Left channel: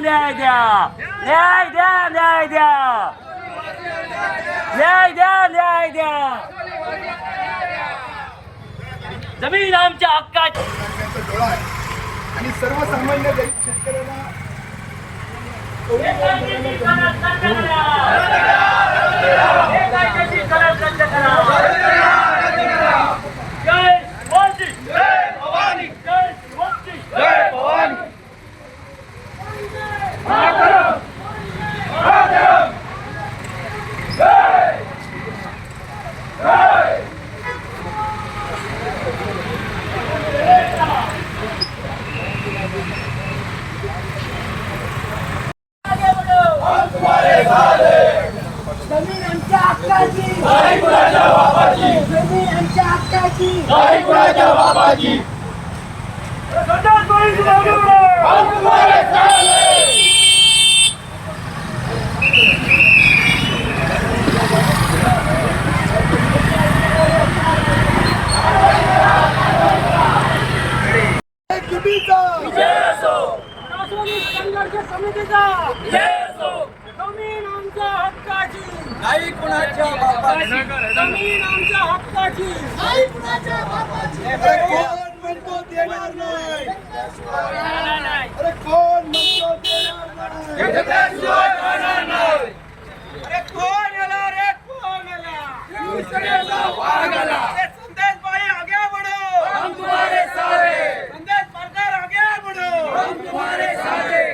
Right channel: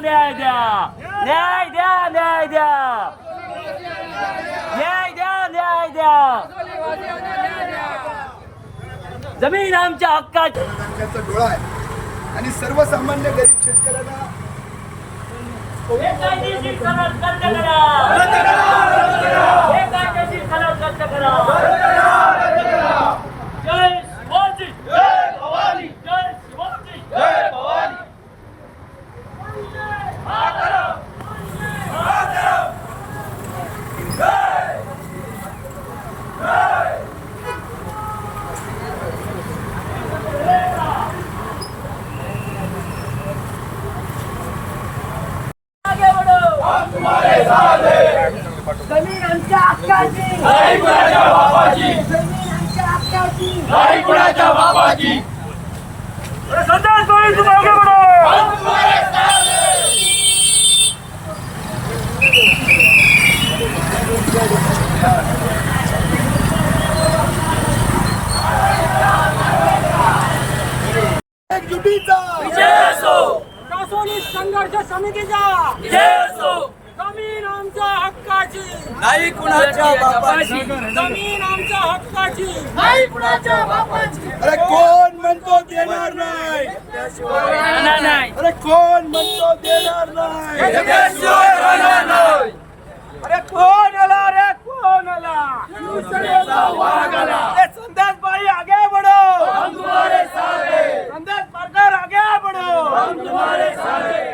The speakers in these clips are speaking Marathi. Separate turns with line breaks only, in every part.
न्याय द्या न्याय द्या. न्याय द्या न्याय द्या न्याय द्या जमीन आमच्या
हक्काची डोळा आहे आणि सर्वसामान्य गरीब शेतकऱ्यांना
बेकायदेशीर करार रद्द करा बेकायदेशीर करार रद्द करा
जय शिवाजी
जय भवानी
जय शिवाजी जय भवानी
आगे बढ़ो
जमीन आमच्या
हक्काची
जमीन आमच्या हक्काची
सरदार बढ़ो
एकजुटीचा
रासोनी संघर्ष समितीचा जमीन आमच्या हक्काची.
नाही कुणाच्या बापाची.
जमीन आमच्या हक्काची.
अरे कोण म्हणतो देणार नाही? अरे कोण म्हणतो देणार नाही?
अरे कोण आला रे? कोण आला?
शिवसेनेचा वाघ आला.
संदेश भाई आगे बढ़ो. संदेश पार्टनर आगे बढ़ो.
जमीन आमच्या हक्काची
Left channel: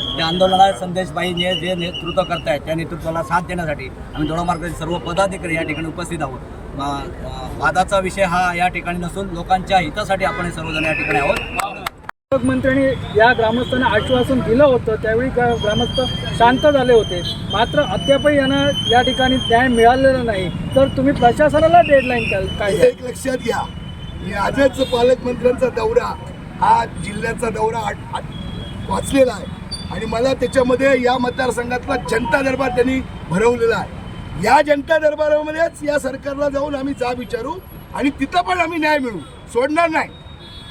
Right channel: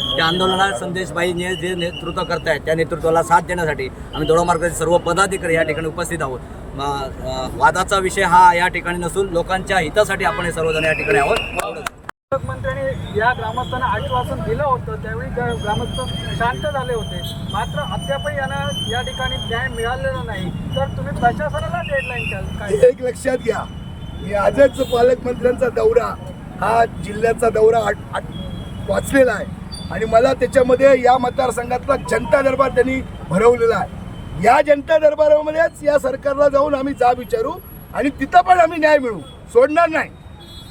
त्या आंदोलनात संदेशबाई ने जे नेतृत्व करतायत त्या नेतृत्वाला साथ देण्यासाठी आम्ही दोडामार्गाचे सर्व पदाधिकारी या ठिकाणी उपस्थित आहोत. वादाचा विषय हा या ठिकाणी नसून लोकांच्या हितासाठी आपण हे सर्वजण या ठिकाणी आहोत.
पालकमंत्र्यांनी या ग्रामस्थांना आश्वासन दिलं होतं त्यावेळी ग्रा- ग्रामस्थ शांत झाले होते. मात्र अद्यापही यांना या ठिकाणी न्याय मिळालेला नाही. तर तुम्ही प्रशासनाला डेडलाईन काय एक लक्षात घ्या. की आजच पालकमंत्र्यांचा दौरा हा जिल्ह्याचा दौरा वाचलेला आहे. आणि मला त्याच्यामध्ये या मतदारसंघातला जनता दरबार त्यांनी भरवलेला आहे. या जनता दरबारामध्येच या सरकारला जाऊन आम्ही जाब विचारू आणि तिथं पण आम्ही न्याय मिळू. सोडणार नाही.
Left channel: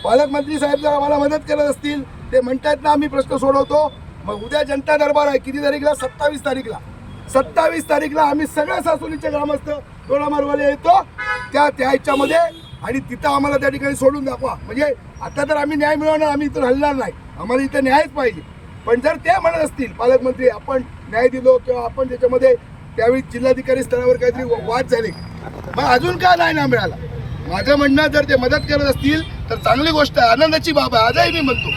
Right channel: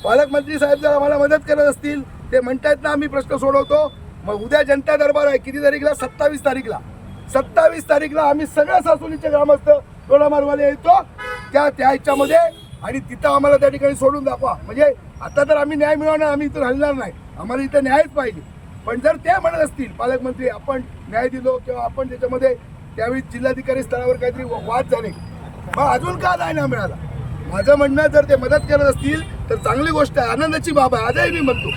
पालकमंत्री साहेब जर आम्हाला मदत करत असतील ते म्हणतात ना आम्ही प्रश्न सोडवतो. मग उद्या जनता दरबार आहे किती तारीखला? सत्तावीस तारीखला. सत्तावीस तारीखला आम्ही सगळ्या सासुलीचे ग्रामस्थ तोडामारवाले येतो त्या त्या ह्याच्यामध्ये. आणि तिथं आम्हाला त्या ठिकाणी सोडून दाखवा. म्हणजे आता तर आम्ही न्याय मिळवणार आम्ही इथून हलणार नाही. आम्हाला इथं न्यायच पाहिजे. पण जर ते म्हणत असतील पालकमंत्री आपण न्याय दिलो किंवा आपण त्याच्यामध्ये त्यावेळी जिल्हाधिकारी स्तरावर काहीतरी वाद झाले. मग अजून का न्याय नाही मिळाला? माझं म्हणणं जर ते मदत करत असतील तर चांगली गोष्ट आहे. आनंदाची बाब आहे. आजही मी म्हणतो.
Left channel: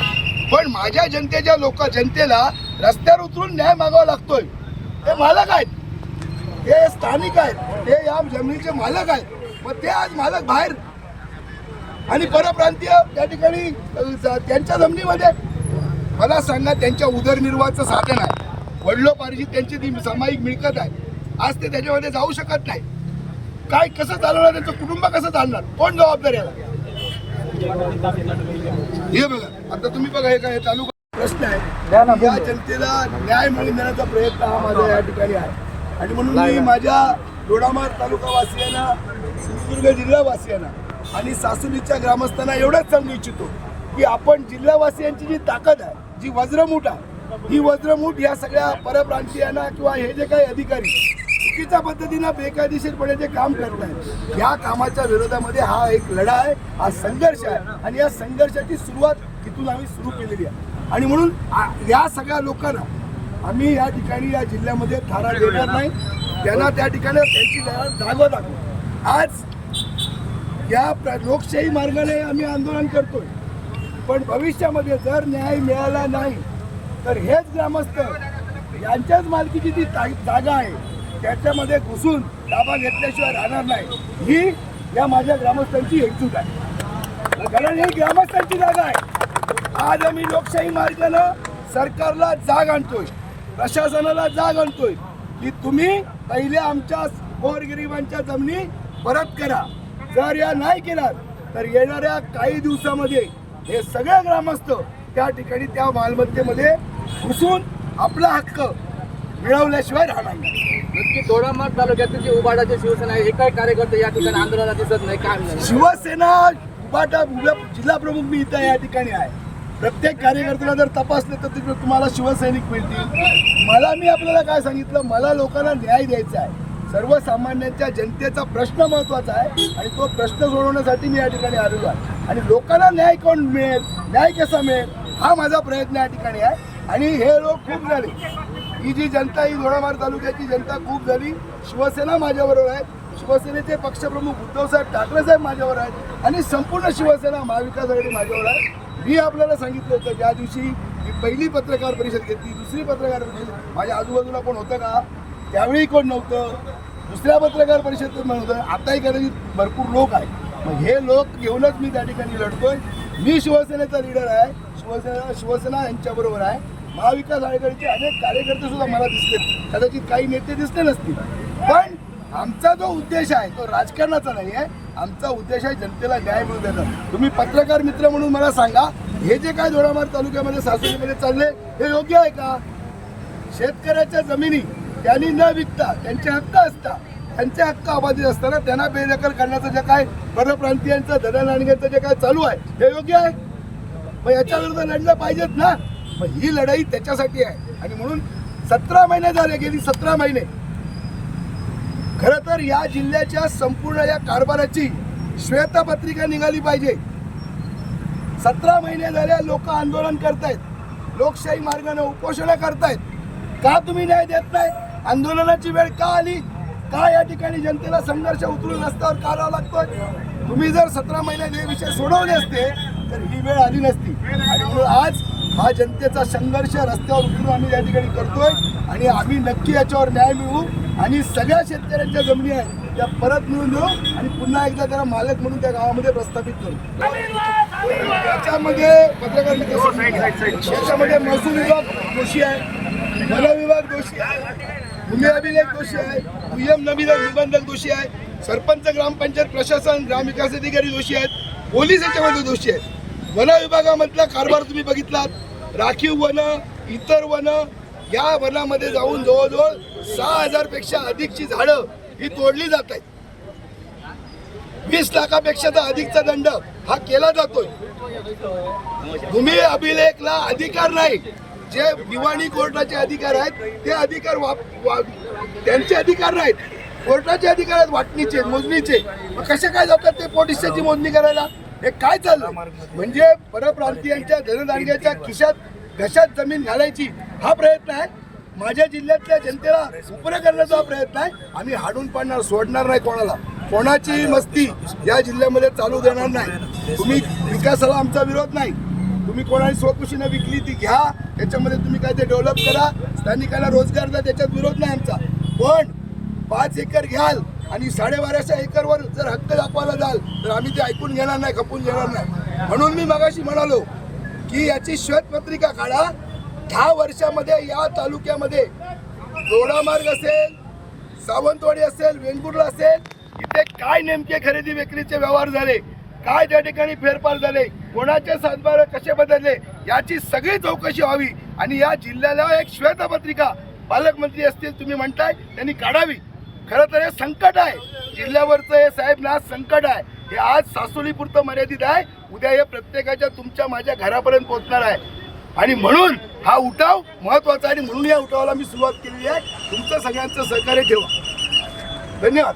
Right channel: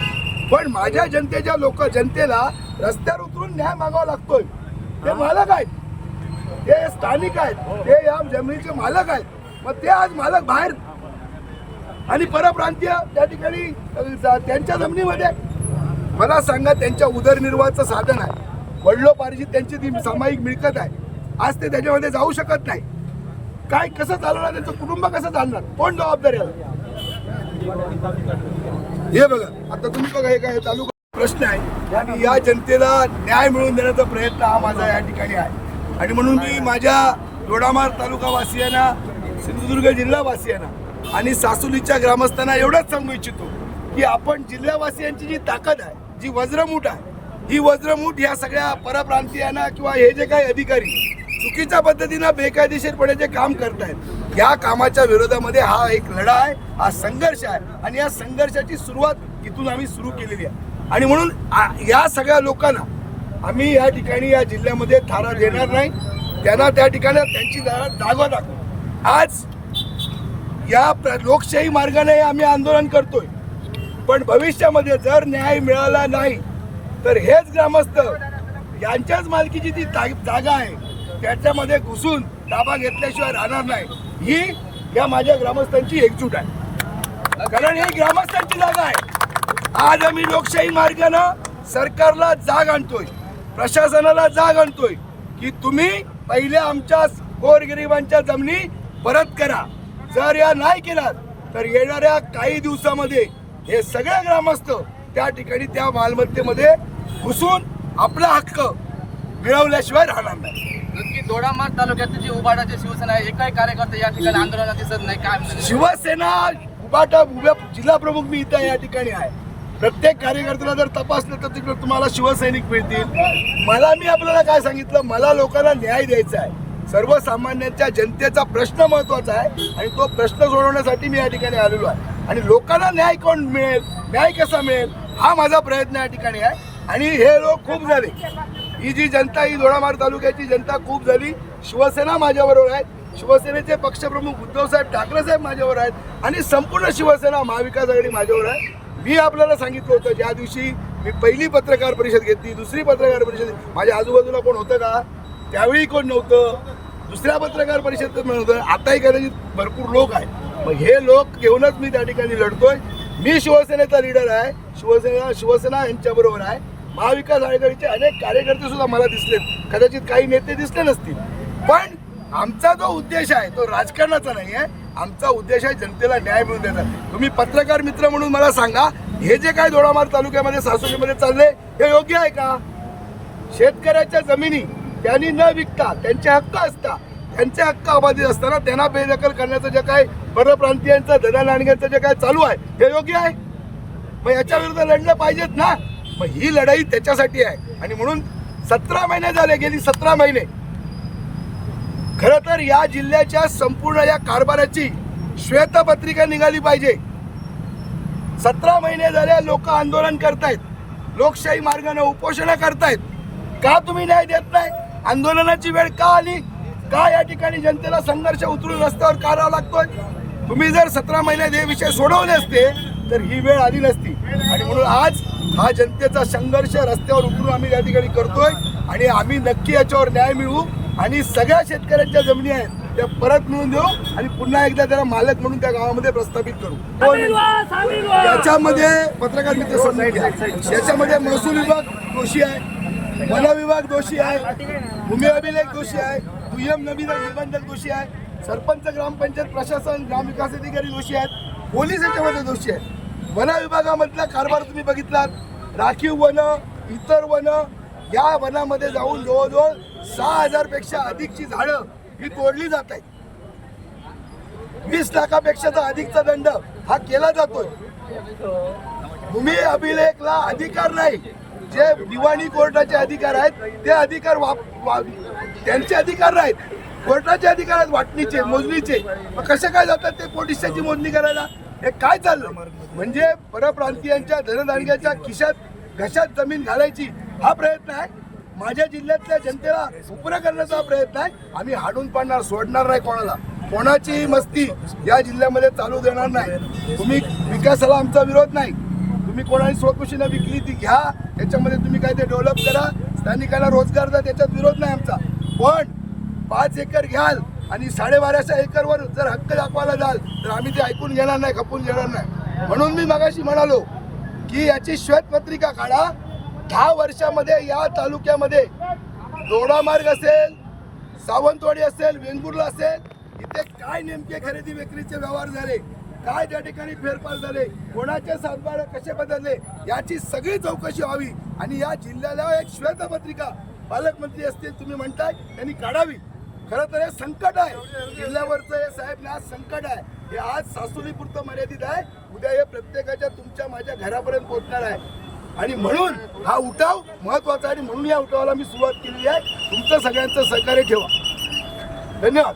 पण माझ्या जनतेच्या लोक जनतेला रस्त्यावर उतरून न्याय मागावा लागतोय. ते मालक आहेत. ते स्थानिक आहेत. ते या जमिनीचे मालक आहेत. मग ते आज मालक बाहेर आणि परप्रांतीय त्या ठिकाणी त्यांच्या जमिनीमध्ये मला सांगा त्यांच्या उदरनिर्वाहाचं साधन आहे. वडिलोपार्जित त्यांची ती सामायिक मिळकत आहे. आज ते त्याच्यामध्ये जाऊ शकत नाही. काय कसं चालवणार त्यांचं कुटुंब कसं चालणार? कोण जबाबदार याला? हे बघा आता तुम्ही बघा हे काय तालुका प्रश्न आहे. या जनतेला न्याय मिळवून देण्याचा प्रयत्न हा माझा या ठिकाणी आहे. आणि म्हणून मी माझ्या दोडामार तालुका वासियांना सिंधुदुर्ग जिल्हा वासियांना आणि सासुलीच्या ग्रामस्थांना एवढंच सांगू इच्छितो की आपण जिल्हावासियांची जी ताकद आहे जी वज्रमूठ आहे ही वज्रमूठ या सगळ्या परप्रांतीयांना किंवा हे जे काही अधिकारी चुकीच्या पद्धतीनं बेकायदेशीरपणे जे काम करतायत या कामाच्या विरोधामध्ये हा एक लढा आहे हा संघर्ष आहे. आणि या संघर्षाची सुरुवात इथून आम्ही सुरू केलेली आहे. आणि म्हणून या सगळ्या लोकांना आम्ही या ठिकाणी या जिल्ह्यामध्ये थारा देणार नाही. त्यांना त्या ठिकाणी त्यांची जागा दाखवू. आज या प्र- लोकशाही मार्गाने आम्ही आंदोलन करतोय. पण भविष्यामध्ये जर न्याय मिळाला नाही तर हेच ग्रामस्थ यांच्याच मालकीची ती जागा आहे. त्याच्यामध्ये घुसून ताबा घेतल्याशिवाय राहणार नाही. ही या माझ्या ग्रामस्थांची एकजूट आहे. कारण ही ग्रामस्थांची जागा आहे. आज आम्ही लोकशाही मार्गानं सरकारला जाग आणतोय. प्रशासनाला जाग आणतोय की तुम्ही पहिले आमच्या गोरगरिबांच्या जमिनी परत करा. जर या नाही केलात तर येणाऱ्या काही दिवसामध्ये हे सगळे ग्रामस्थ त्या ठिकाणी त्या मालमत्तेमध्ये घुसून आपला हक्क मिळवल्याशिवाय राहणार नाही.
नक्की दोडामार्ग तालुक्यातील जे उबाडाचे शिवसेना आहे एकाही कार्यकर्ते या ठिकाणी आंदोलनात दिसत नाही काय?
शिवसेना उभाटा उभ्या जिल्हा प्रमुख मी इथं या ठिकाणी आहे. प्रत्येक कार्यकर्त्याला जर तपासलं तर तिकडे तुम्हाला शिवसैनिक मिळतील. मला मी आपल्याला काय सांगितलं? मला लोकांना न्याय द्यायचा आहे. सर्वसामान्यांच्या जनतेचा प्रश्न महत्त्वाचा आहे आणि तो प्रश्न सोडवण्यासाठी मी या ठिकाणी आलेलो आहे. आणि लोकांना न्याय कोण मिळेल न्याय कसा मिळेल हा माझा प्रयत्न या ठिकाणी आहे. आणि हे लोक खूप झाले. ही जी जनता ही दोडामार तालुक्याची जनता खूप झाली. शिवसेना माझ्याबरोबर आहे. शिवसेनेचे पक्षप्रमुख उद्धवसाहेब ठाकरे साहेब माझ्यावर आहेत. आणि संपूर्ण शिवसेना महाविकास आघाडी माझ्यावर आहे. मी आपल्याला सांगितलं होतं ज्या दिवशी मी पहिली पत्रकार परिषद घेतली दुसरी पत्रकार परिषद माझ्या आजूबाजूला कोण होतं का? त्यावेळी कोण नव्हतं? दुसऱ्या पत्रकार परिषदेत नव्हतं आताही कदाचित भरपूर लोक आहेत. मग हे लोक घेऊनच मी त्या ठिकाणी लढतोय. मी शिवसेनेचा लीडर आहे. शिवसेना शिवसेना यांच्याबरोबर आहे. महाविकास आघाडीचे अनेक कार्यकर्ते सुद्धा मला दिसलेत. कदाचित काही नेते दिसले नसतील. पण आमचा जो उद्देश आहे तो राजकारणाचा नाही आहे आमचा उद्देश आहे जनतेला न्याय मिळून देणार तुम्ही पत्रकार मित्र म्हणून मला सांगा हे जे काय दोडामार तालुक्यामध्ये सासूमध्ये चालले हे योग्य आहे का? शेतकऱ्याच्या जमिनी त्यांनी न विकता त्यांचे हक्क असता त्यांचे हक्क अबाधित असताना त्यांना बेदखल करण्याचं जे काय परप्रांतीयांचं दलाल आणण्याचं जे काय चालू आहे हे योग्य आहे? मग याच्या विरुद्ध लढलं पाहिजेत ना? मग ही लढाई त्याच्यासाठी आहे. आणि म्हणून सतरा महिने झाले गेली सतरा महिने. खर तर या जिल्ह्याच्या संपूर्ण या कारभाराची श्वेतपत्रिका निघाली पाहिजे. सतरा महिने झाले लोक आंदोलन करतायत. लोकशाही मार्गाने उपोषण करतायत. का तुम्ही न्याय देत नाही? आंदोलनाची वेळ का आली? का या ठिकाणी जनतेला संघर्ष उतरून रस्त्यावर का राहावं लागतोय? तुम्ही जर सतरा महिन्यात हे विषय सोडवले असते तर ही वेळ आली नसती. आणि म्हणून आज हा जनतेचा संघर्ष रस्त्यावर उतरून आम्ही या ठिकाणी करतोय. आणि आम्ही नक्की याच्यावर न्याय मिळवू. आणि सगळ्या शेतकऱ्यांच्या जमिनी आहेत त्या परत मिळून देऊ. आणि पुन्हा एकदा त्याला मालक म्हणून त्या गावामध्ये प्रस्थापित करू. याच्यामध्ये पत्रकार मित्र याच्यामध्ये महसूल विभाग दोषी आहे. वन विभाग दोषी आहे. भूमी अभिलेख दोषी आहे दुय्यम नवीन निबंधक दोषी आहे सरपंच ग्रामपंचायत प्रशासन ग्रामविकास अधिकारी दोषी आहेत पोलीस याच्यामध्ये दोषी आहेत. वन विभागामधला कारभार तुम्ही बघितलात राखीव वन इतर वन या वनामध्ये जाऊन जवळजवळ सहा हजारपेक्षा अधिकची झाडं ही तोडली जात आहेत. वीस लाखापेक्षा तर अधिकचा दंड हा केला जातोय. भूमी अभिलेखला अधिकार नाही. जे दिवाणी कोर्टाचे अधिकार आहेत ते अधिकार वाप वा- त्यांचे अधिकार नाहीत. कोर्टाचे अधिकार आहेत वाटणीचे मोजणीचे. मग कसे काय जातात ते पोलिसाची मोजणी करायला? हे काय चाललं म्हणजे परप्रांतीयांच्या धनदानग्याच्या खिशात घशात जमीन घालायची हा प्रयत्न आहे? माझ्या जिल्ह्यातल्या जनतेला उपरे करण्याचा हा प्रयत्न आहे. आम्ही हाडून पाडणार सोडणार नाही कोणाला. कोणाची मस्ती या जिल्ह्यामध्ये चालू देणार नाही. तुम्ही विकासाला आमचा विरोध नाही. तुम्ही कोणाने स्वखुशीनं विकली ती घ्या त्याच्यामध्ये तुम्ही काय ते डेव्हलप करा. स्थानिकांना रोजगार द्या त्याच्यात विरोध नाही आमचा. पण पाच एकर घ्याल आणि साडेबाराशे एकरवर जर हक्क दाखवायला जाल तर आम्ही ते ऐकून घेणार नाही खपून घेणार नाही. म्हणून मी मगाशी म्हणालो की याची श्वेतपत्रिका काढा. दहा वर्षामध्ये या तालुक्यामध्ये दोडामार्ग असेल सावंतवाडी असेल वेंगुर्ला असेल इथे काय नेमके खरेदी विक्रीचे व्यवहार झाले? काय त्या ठिकाणी फेरफार झाले? कोणाचे सातबार कसे बदलले? याची सगळी चौकशी व्हावी. आणि या जिल्ह्याला एक श्वेतपत्रिका पालकमंत्री असतील तुम्ही म्हणताय त्यांनी काढावी. खरं तर हे संकट आहे. जिल्ह्यावरचं हे साहेब ना संकट आहे. हे आज सासोलीपुरतं मर्यादित आहे. उद्या हे प्रत्येकाच्या तुमच्या माझ्या घरापर्यंत पोहोचणार आहे. आणि म्हणून हा उठाव महत्त्वाचा आहे. आणि म्हणून या उठावाला मी सुरुवात केलेली आहे. तुमचं सगळ्यांचं सहकार्य ठेवा. धन्यवाद.